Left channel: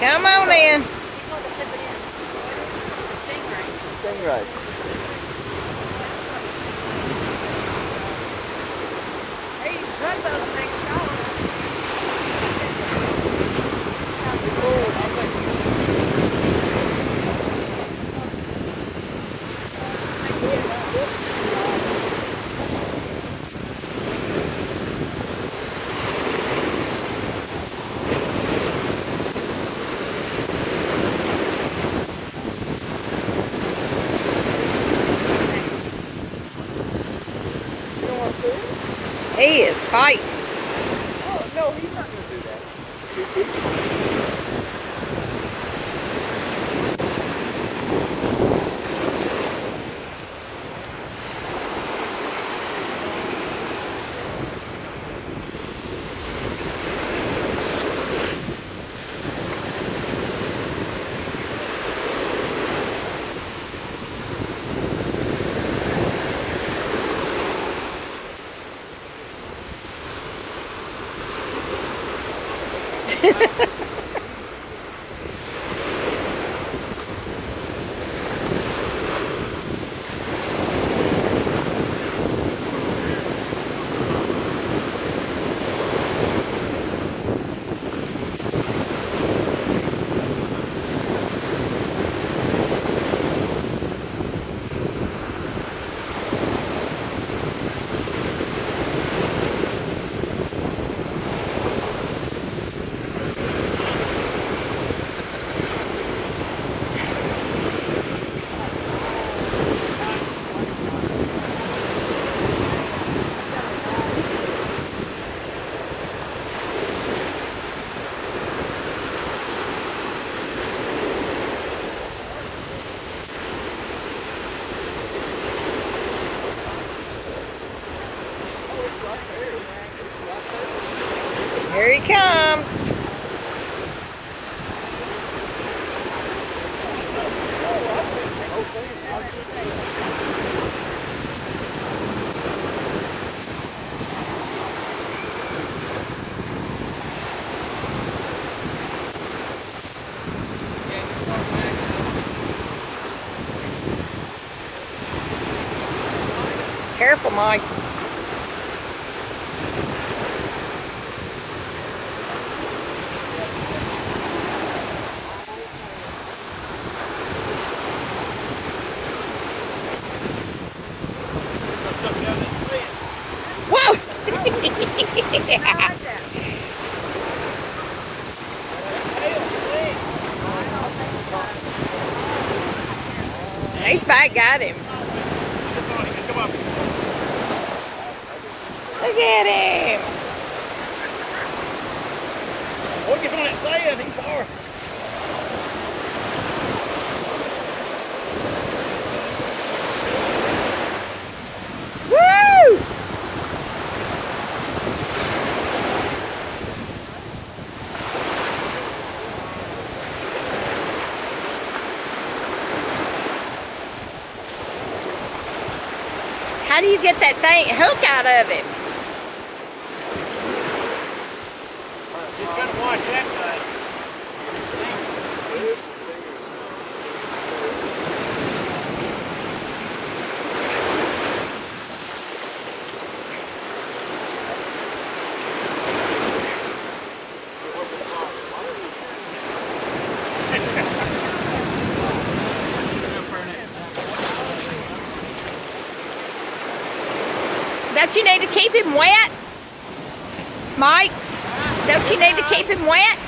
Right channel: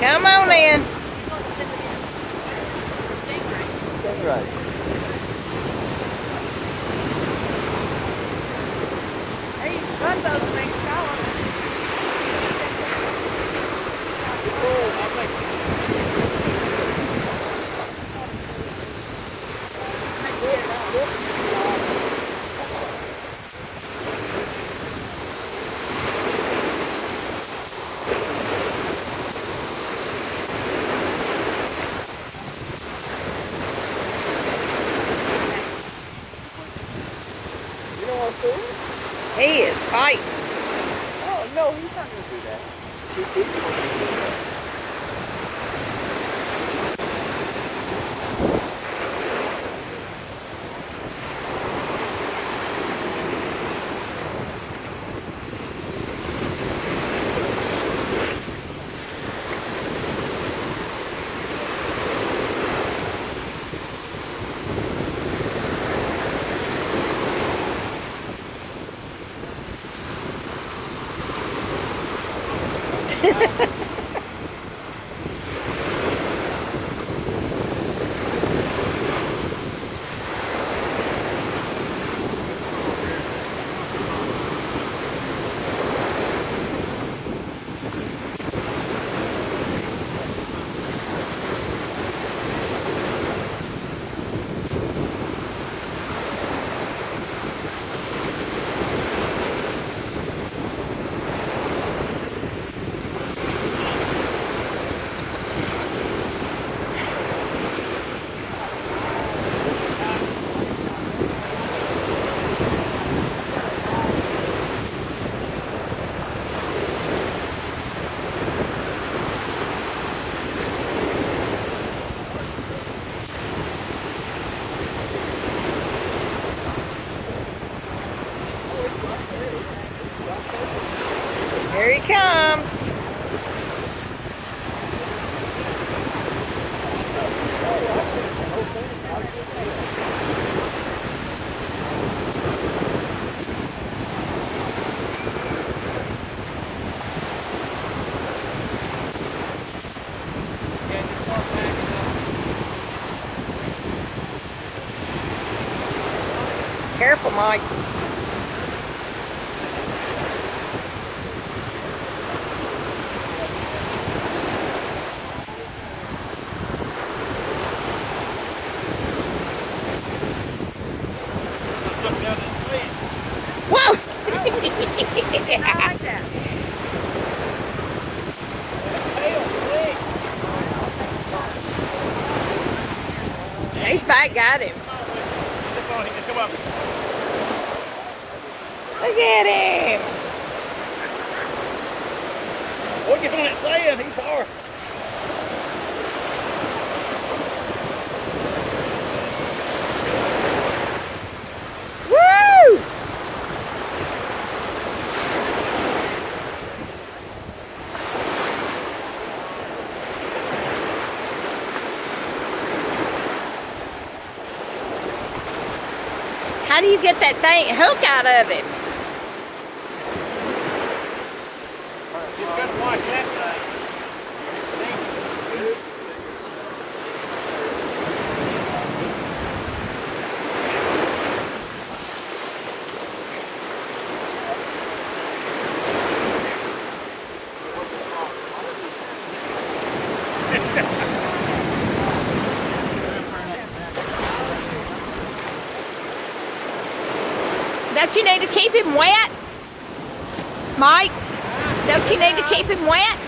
Come on in. Right. He is fighting. Oh, no, he's not going to do that. Here he comes. Careful, Mike. Whoa! Yeah. He's back, got him. Look at him. What you not saying? He's far. Woo! How do you get that thing hook out of him? Just gotta watch that thing. Don't you need to keep him wet? Mike, don't you need to keep him wet?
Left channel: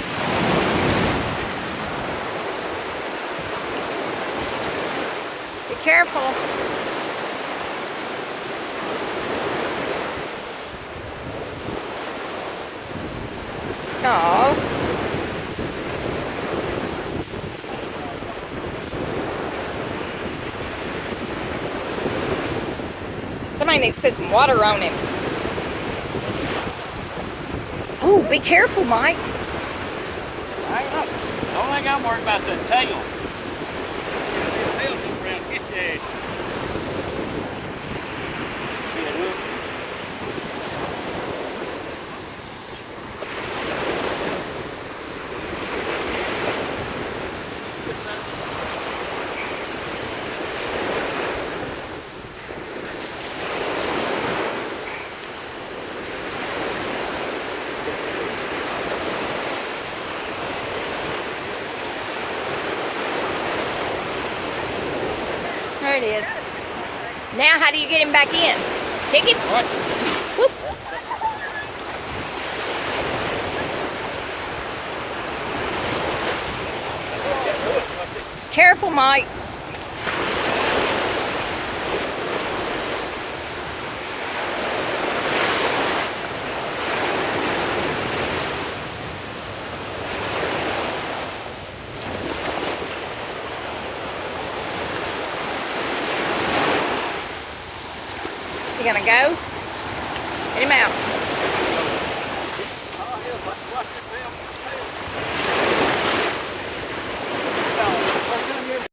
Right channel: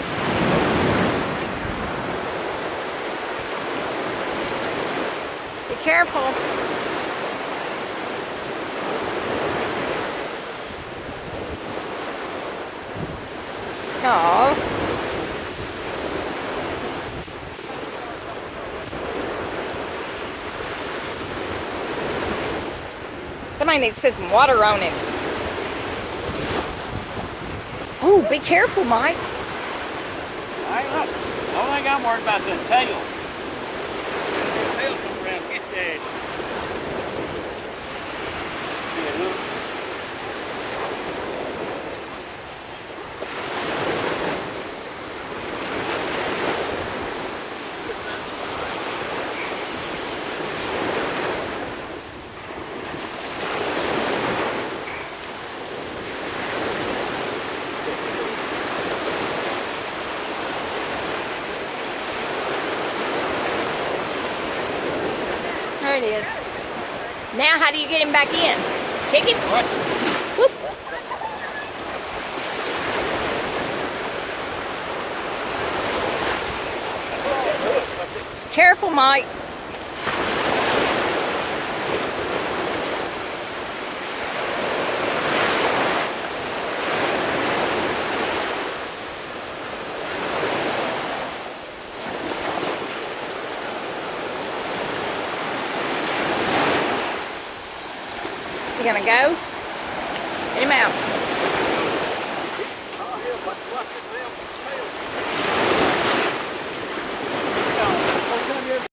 Be careful. Oh. Somebody needs to put some water on him. Oh, be careful, Mike. I ain't up. The only thing I'm worried about is that tail. That tail come around, get your ass. See that hook? it is. Now, how do you get him back in? Kick him? What? Whoop. Careful, Mike. Is he gonna go? Get him out.